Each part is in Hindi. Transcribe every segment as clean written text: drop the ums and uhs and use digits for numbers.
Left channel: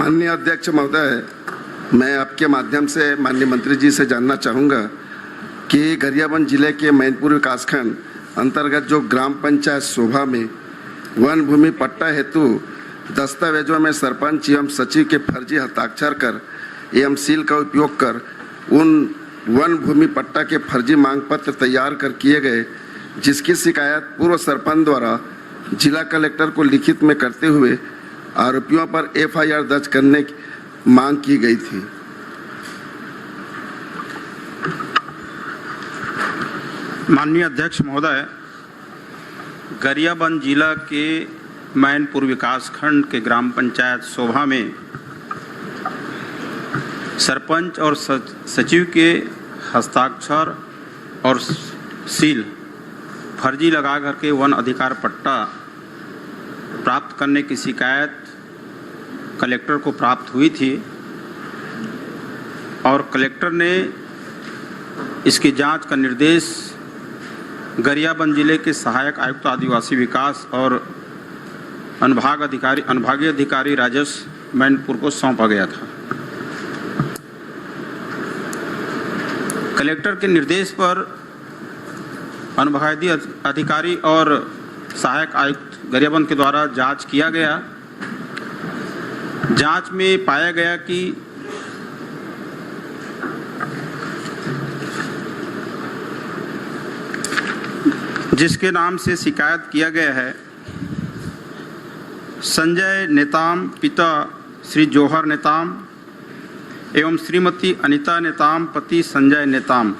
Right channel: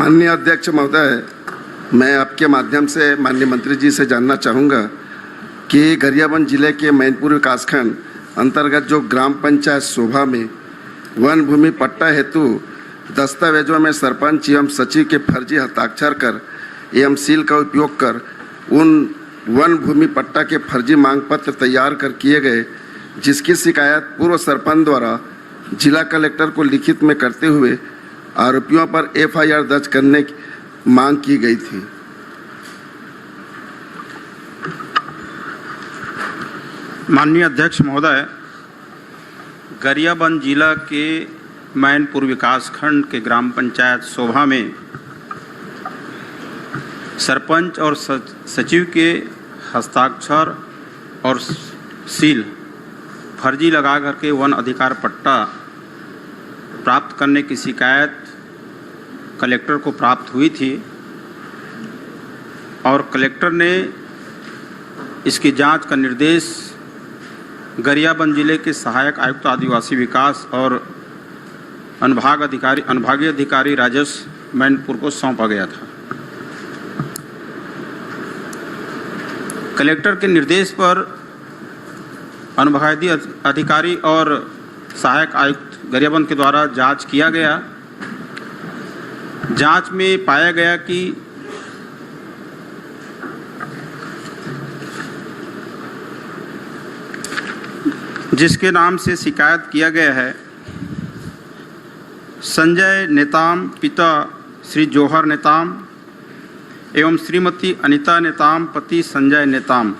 माननीय अध्यक्ष महोदय, मैं आपके माध्यम से माननीय मंत्री जी से जानना चाहूँगा कि गरियाबंद जिले के मैनपुर विकासखंड अंतर्गत जो ग्राम पंचायत शोभा में वन भूमि पट्टा हेतु दस्तावेजों में सरपंच एवं सचिव के फर्जी हस्ताक्षर कर एवं सील का उपयोग कर उन वन भूमि पट्टा के फर्जी मांग पत्र तैयार कर किए गए, जिसकी शिकायत पूर्व सरपंच द्वारा जिला कलेक्टर को लिखित में करते हुए आरोपियों पर एफआईआर दर्ज करने की मांग की गई थी। माननीय अध्यक्ष महोदय, गरियाबंद जिला के मैनपुर विकासखंड के ग्राम पंचायत शोभा में सरपंच और सचिव के हस्ताक्षर और सील फर्जी लगा करके वन अधिकार पट्टा प्राप्त करने की शिकायत कलेक्टर को प्राप्त हुई थी और कलेक्टर ने इसकी जांच का निर्देश गरियाबंद जिले के सहायक आयुक्त आदिवासी विकास और अनुभागीय अधिकारी राजस्व मैनपुर को सौंपा गया था। कलेक्टर के निर्देश पर अनुभागीय अधिकारी और सहायक आयुक्त गरियाबंद के द्वारा जांच किया गया। जांच में पाया गया कि जिसके नाम से शिकायत किया गया है, संजय नेताम पिता श्री जौहर नेताम एवं श्रीमती अनिता नेताम पति संजय नेताम,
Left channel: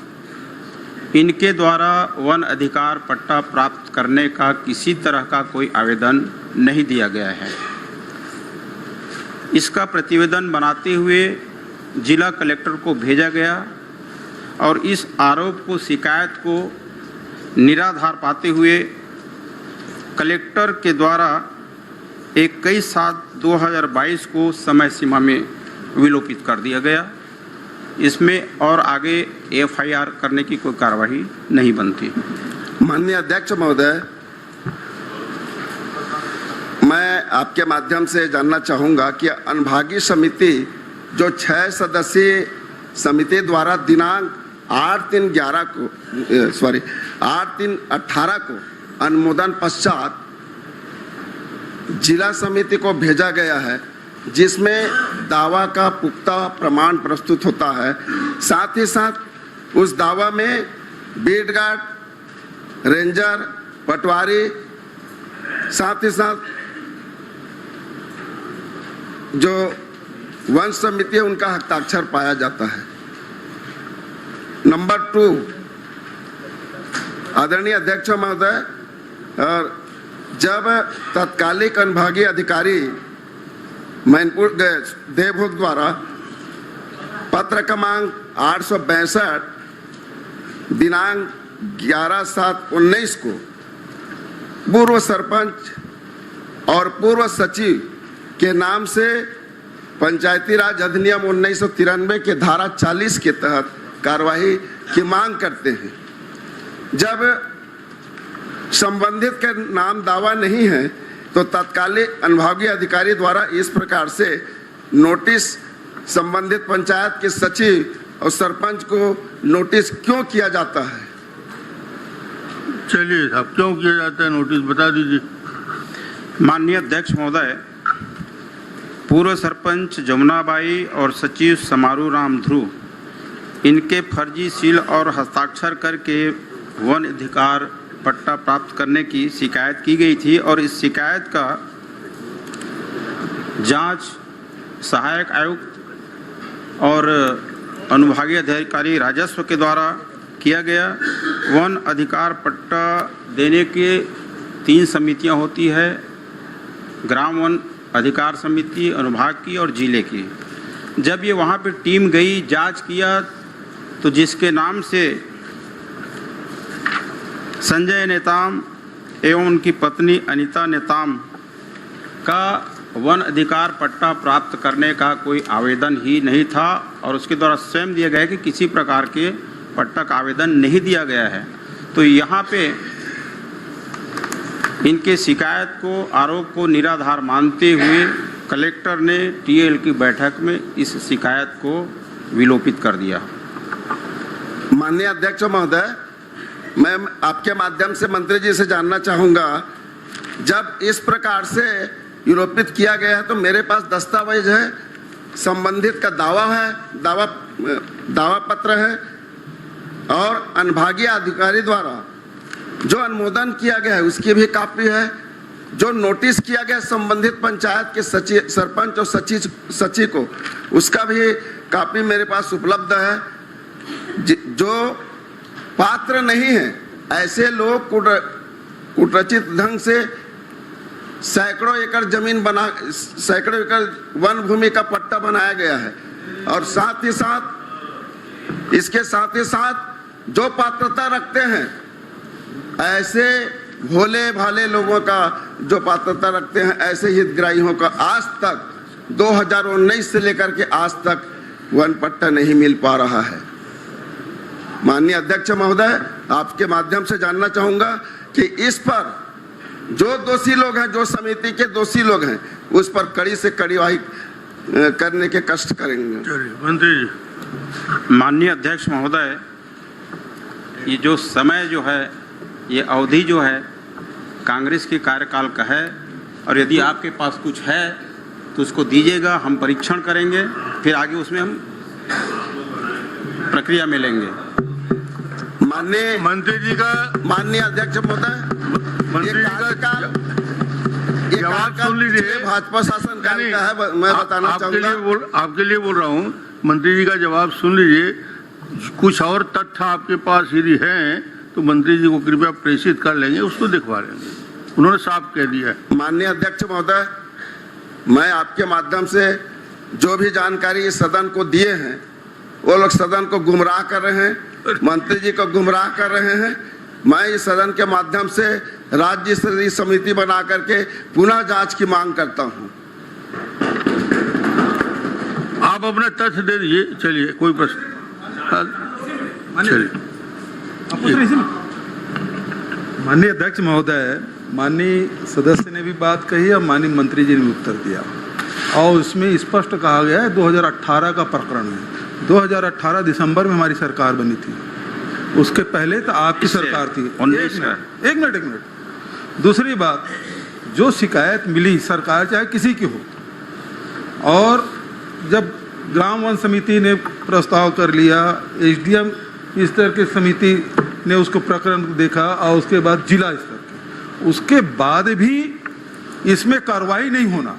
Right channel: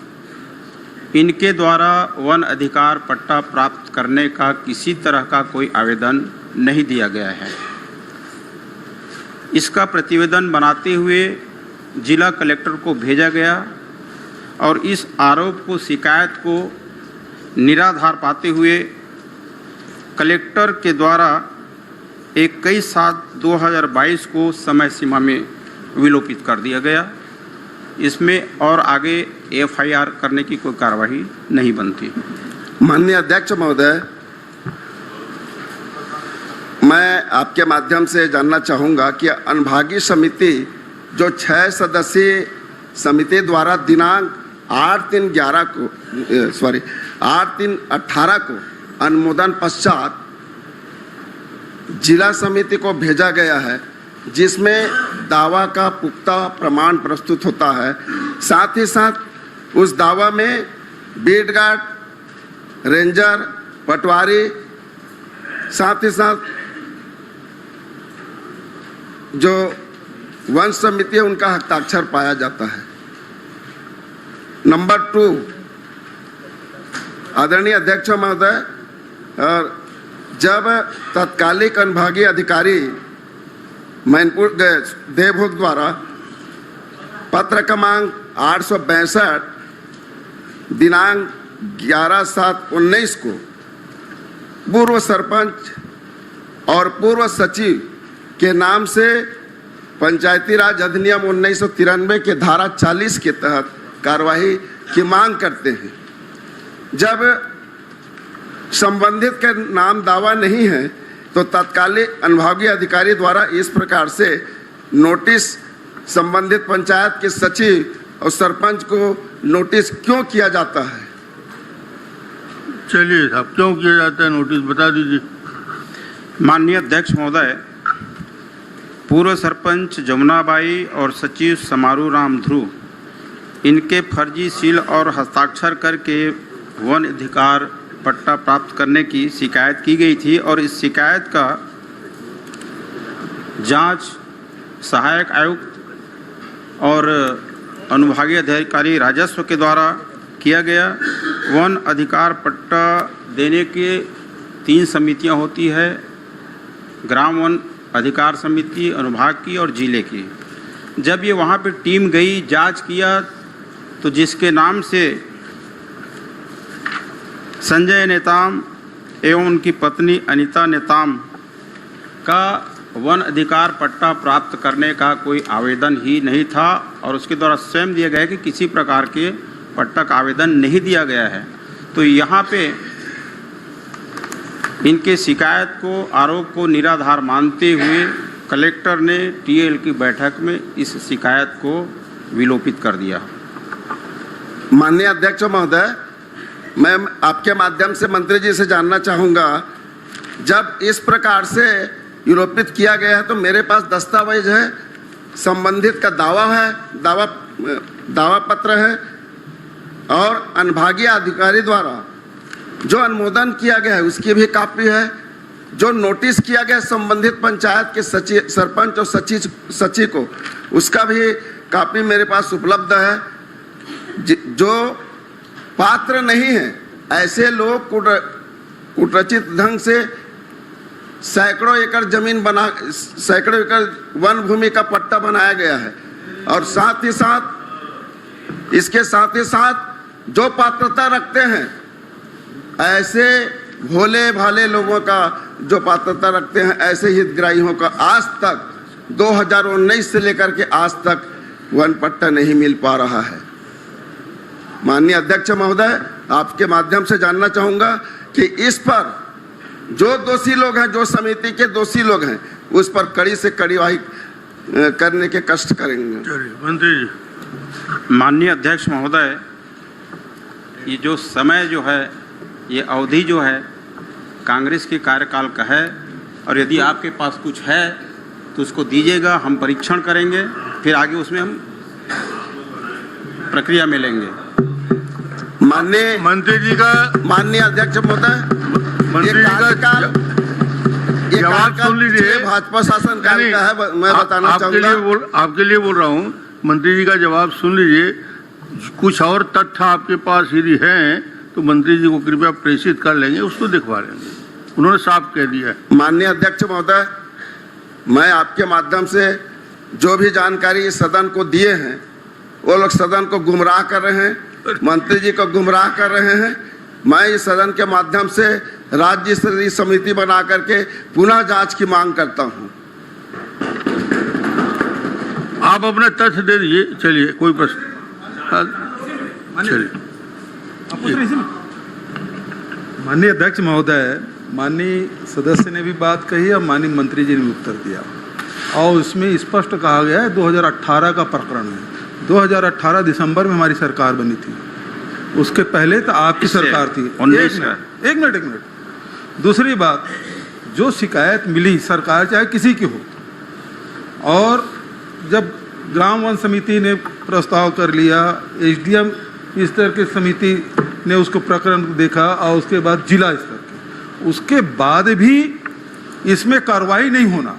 इनके द्वारा वन अधिकार पट्टा प्राप्त करने का किसी तरह का कोई आवेदन नहीं दिया गया है। इसका प्रतिवेदन बनाते हुए जिला कलेक्टर को भेजा गया और इस आरोप को, शिकायत को निराधार पाते हुए कलेक्टर के द्वारा 21/7/2022 को समय सीमा में विलोपित कर दिया गया। इसमें और आगे एफआईआर करने की कोई कार्रवाई नहीं बनती। माननीय अध्यक्ष महोदय, मैं आपके माध्यम से जानना चाहूँगा कि अनुभागीय समिति जो 6 सदस्यीय समिति द्वारा दिनांक 8/3/18 को अनुमोदन पश्चात जिला समिति को भेजा गया है, जिसमें दावा का पुख्ता प्रमाण प्रस्तुत होता है। साथ ही साथ उस दावा में बीट गार्ड, रेंजर, पटवारी, साथ ही साथ जो वन समिति है उनका हस्ताक्षर पाया जाता है। नंबर 2, आदरणीय अध्यक्ष महोदय, जब तत्कालिक अनुभागीय अधिकारी मैनपुर देवभोग द्वारा पत्र क्रमांक 862 दिनांक 11/7/19 को पूर्व सरपंच और पूर्व सचिव के नाम से पंचायती राज अधिनियम 1993 के धारा 40 के तहत कार्यवाही की मांग करते हैं। जब संबंधित के नाम दावा नहीं है तो तत्कालिक अनुभागीय अधिकारी द्वारा इस प्रकार से नोटिस संबंधित पंचायत के सचिव और सरपंच को नोटिस क्यों किया जाता है? चलिए साहब, क्यों किया जाता है नोटिस बता दीजिए। माननीय अध्यक्ष महोदय, पूर्व सरपंच जमुनाबाई और सचिव समारू राम ध्रुव, इनके फर्जी सील और हस्ताक्षर करके वन अधिकार पट्टा प्राप्त करने की शिकायत की गई थी और इस शिकायत का जांच सहायक आयुक्त और अनुभागीय अधिकारी राजस्व के द्वारा किया गया। वन अधिकार पट्टा देने के 3 समितियां होती है, ग्राम वन अधिकार समिति, अनुभाग की और जिले की। जब ये वहाँ पे टीम गई, जांच किया, तो जिसके नाम से संजय नेताम एवं उनकी पत्नी अनिता नेताम का वन अधिकार पट्टा प्राप्त करने का कोई आवेदन ही नहीं था और उसके द्वारा स्वयं दिया गया कि किसी प्रकार के पट्टा का आवेदन नहीं दिया गया है। तो यहाँ पे इनके शिकायत को, आरोप को निराधार मानते हुए कलेक्टर ने टीएल की बैठक में इस शिकायत को विलोपित कर दिया। माननीय अध्यक्ष महोदय, मैं आपके माध्यम से मंत्री जी से जानना चाहूंगा, जब इस प्रकार से विलोपित किया गया है तो मेरे पास दस्तावेज है, संबंधित का दावा है, दावा पत्र है और अनुभागीय अधिकारी द्वारा जो अनुमोदन किया गया है उसकी भी कॉपी है, जो नोटिस किया गया संबंधित पंचायत के सचिव, सरपंच और सचिव को, उसका भी कॉपी मेरे पास उपलब्ध है। जो पात्र नहीं है ऐसे लोग कुटरचित ढंग से सैकड़ों एकड़ जमीन बना, सैकड़ों एकड़ वन भूमि का पट्टा बनाया गया है और साथ ही साथ इसके साथ ही साथ जो पात्रता रखते हैं ऐसे भोले भाले लोगों का जो पात्रता रखते हैं ऐसे हितग्राहियों का आज तक 2019 से लेकर के आज तक वन पट्टा नहीं मिल पा रहा है। माननीय अध्यक्ष महोदय, आपके माध्यम से जानना चाहूंगा कि इस पर जो दोषी लोग हैं, जो समिति के दोषी लोग हैं, उस पर कड़ी से कड़ीवाही करने के कष्ट करेंगे। चलिए मंत्री जी। माननीय अध्यक्ष महोदय, ये जो समय जो है, ये अवधि जो है कांग्रेस के कार्यकाल का है और यदि आपके पास कुछ है तो उसको दीजिएगा, हम परीक्षण करेंगे, फिर आगे उसमें हम प्रक्रिया में लेंगे। माननीय मंत्री जी का माननीय अध्यक्ष महोदय, मंत्री जी का जवाब सुन लीजिए। भाजपा शासन काल का है, मैं बताना चाहूंगा। आपके लिए बोल रहा हूँ, मंत्री जी का जवाब सुन लीजिए। कुछ और तथ्य आपके पास यदि हैं तो मंत्री जी को कृपया प्रेषित कर लेंगे, उसको दिखवा लेंगे। उन्होंने साफ कह दिया है। माननीय अध्यक्ष महोदय, मैं आपके माध्यम से जो भी जानकारी इस सदन को दिए हैं वो लोग सदन को गुमराह कर रहे हैं, मंत्री जी को गुमराह कर रहे हैं। मैं इस सदन के माध्यम से राज्य स्तरीय समिति बना करके पुनः जांच की मांग करता हूं। आप अपना तथ्य दे दीजिए। चलिए, कोई प्रश्न? चलिए। माननीय अध्यक्ष महोदय, माननीय सदस्य ने भी बात कही और माननीय मंत्री जी ने भी उत्तर दिया और उसमें स्पष्ट कहा गया है 2018 का प्रकरण है। 2018 दिसंबर में हमारी सरकार बनी थी, उसके पहले तो आपकी सरकार थी। एक मिनट। दूसरी बात, जो शिकायत मिली सरकार चाहे किसी की हो, और जब ग्राम वन समिति ने प्रस्ताव कर लिया, एसडीएम स्तर की समिति ने उसको प्रकरण देखा और उसके बाद जिला स्तर के, उसके बाद भी इसमें कार्रवाई नहीं होना।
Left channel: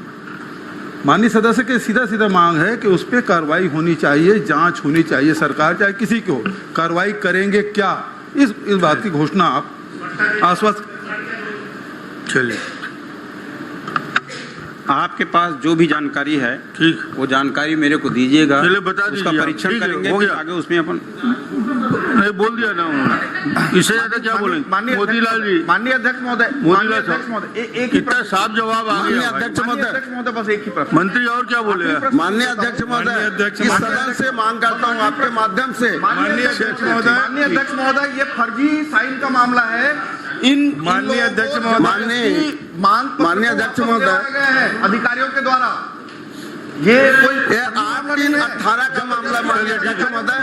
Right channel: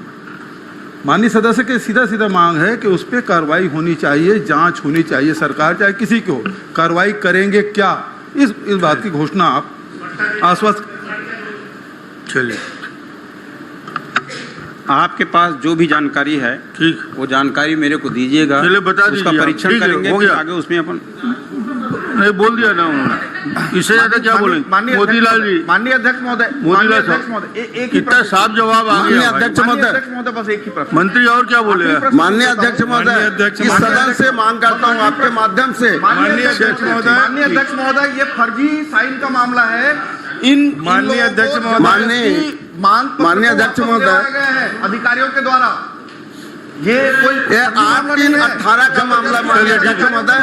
माननीय सदस्य के सीधा मांग है कि उस पर कार्रवाई होनी चाहिए, जांच होनी चाहिए। सरकार चाहे किसी की हो, कार्रवाई करेंगे क्या, इस बात की घोषणा आप आश्वस्त। चलिए, आपके पास जो भी जानकारी है, ठीक, वो जानकारी मेरे को दीजिएगा, चलिए बता दीजिए। उसका परीक्षण करेंगे, हो फिर गया। आगे उसमें अपन नहीं बोल दिया ना उन्होंने, इससे ज्यादा क्या बोलेंगे? मोतीलाल जी, माननीय अध्यक्ष महोदय, मोतीलाल साहब, इतना साफ जवाब आ माननीय गया। अध्यक्ष महोदय, बस एक ही प्रश्न। मंत्री और क्या बोलेगा? माननीय अध्यक्ष महोदय, इस सदन से मांग करता हूं आपके माध्यम से। माननीय अध्यक्ष महोदय, ये फर्जी साइन का मामला है। इन माननीय अध्यक्ष महोदय, माननीय अध्यक्ष महोदय, अधिकारियों के द्वारा ये कोई 8/3/18 का मामला, माननीय अध्यक्ष महोदय,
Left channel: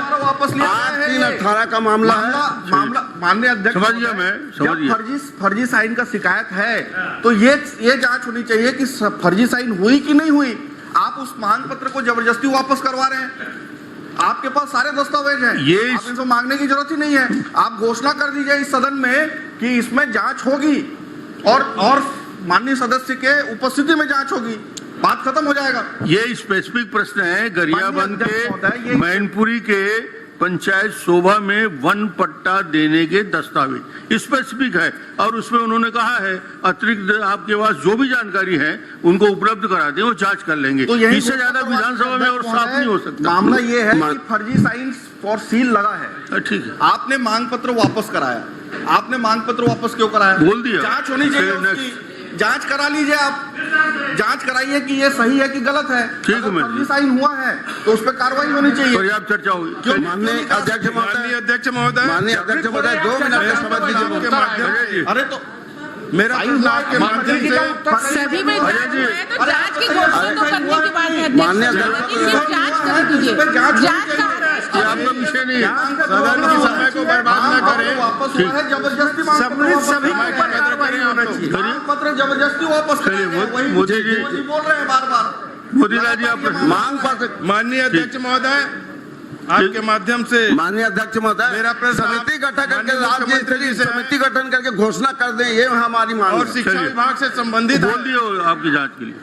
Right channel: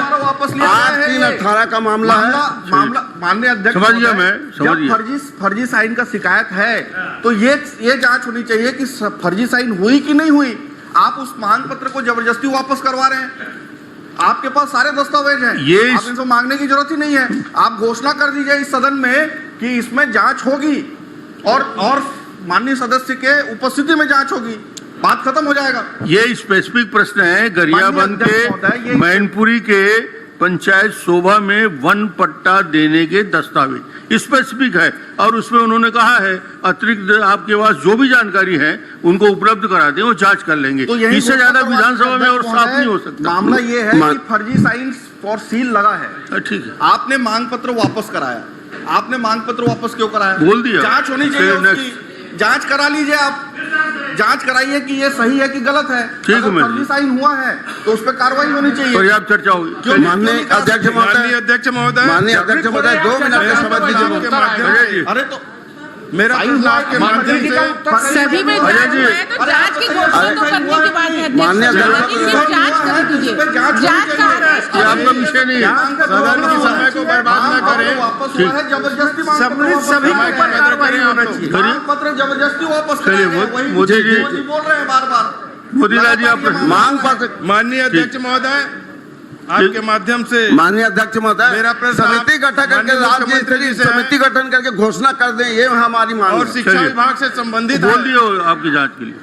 8/3/18 का मामला है। माननीय अध्यक्ष, समझ गया मैं, समझ गया। फर्जी साइन का शिकायत है तो ये जांच होनी चाहिए कि फर्जी साइन हुई कि नहीं हुई। आप उस मांग पत्र को जबरदस्ती वापस करवा रहे हैं। आपके पास सारे दस्तावेज हैं, आप इनको मांगने की जरूरत ही नहीं है। आप घोषणा कर दीजिए इस सदन में कि इसमें जांच होगी और माननीय सदस्य के उपस्थिति में जांच होगी, बात खत्म हो जाएगा। ये स्पेसिफिक प्रश्न है गरियाबंद के मैनपुरी के पंचायत शोभा में वन पट्टा देने के दस्तावेज स्पेसिफिक है और उसमें उन्होंने कहा है अतिरिक्त आपके पास जो भी जानकारी है उनको उपलब्ध करा दें, वो जांच कर लेंगे। तो इससे ज्यादा विधानसभा में और साफ नहीं हो सकता। मामला ये है कि फर्जी साइन फॉर सील लगा है। ठीक है, आपने मांग पत्र वापस कराया। आपने मांग पत्र वापस क्यों कराया? बोल दिया। जांच होनी चाहिए उसकी, जांच करा लीजिए। आप जांच कराइए कि ये सही है कि गलत है। अगर फर्जी साइन हुआ है तो उस पर कार्रवाई होनी चाहिए। पर्याप्त चर्चा होगी। माननीय अध्यक्ष महोदय, 2 मिनट का समय दीजिए। अरे तो मेरा प्रश्न आपके माध्यम से सभी में अजय जांच जी। हुआ है तो जांच की घोषणा तो करने के बाद है माननीय अध्यक्ष, सिर्फ जांच कर दीजिए। जांच का आदेश ये आपका विषय नहीं है। सदन के समय को बर्बाद न करें। वापस हुआ है, जबरदस्ती मांग सभी के ऊपर कार्रवाई होना चाहिए। मांग पत्र जबरदस्ती वापस चलिए, कराया गया। वही मोदी जी- मोदी बोल रहे हैं बार बार। मोदीलाल जी आप मांग पत्र माननीय अध्यक्ष महोदय, आपके माध्यम से माननीय अध्यक्ष महोदय, मेरा प्रश्न समिति गठन करके माननीय राज्य मुख्यमंत्री जी से है। समिति गठन करके घोषणा कर दें, ये हमारी मांग और है। शिक्षा चलिए। विभाग से संबंधित बोल है। दिए आपकी जांच के लिए।